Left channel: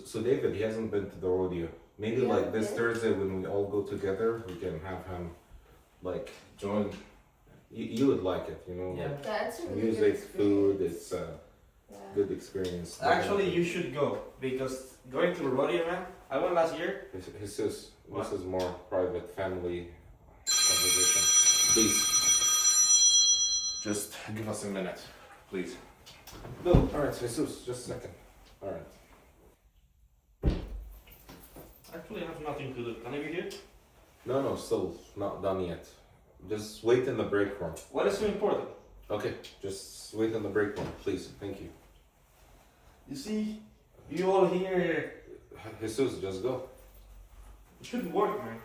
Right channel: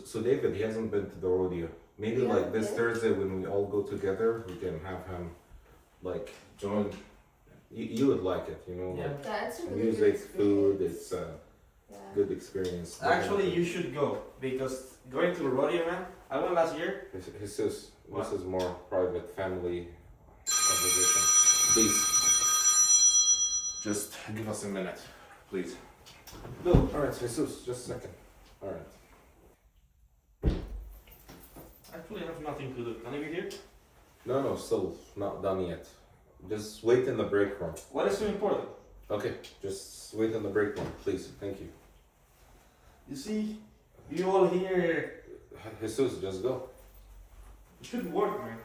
So David, he hasn't been to the rodeo. Maybe Yeah, like this yeah. Thursday when we all go together, we can have him like join. You would like it, you know, Yeah. like That's a really good music, food. experience. It's a Yeah. good experience. Actually, you should go because going to a rodeo, man. I went last year. Jesus, What? this is more private family conversation. Please, just give us a minute, please. No, all right, Jesus, just a second. All right. Actually, I have nothing to do. Can I be here? No, still not done yet. Just wait in the break room. What is so important? Okay, just wait in the break room, please. Thank you. You see, you all here. Jesus, just go. It should work, man.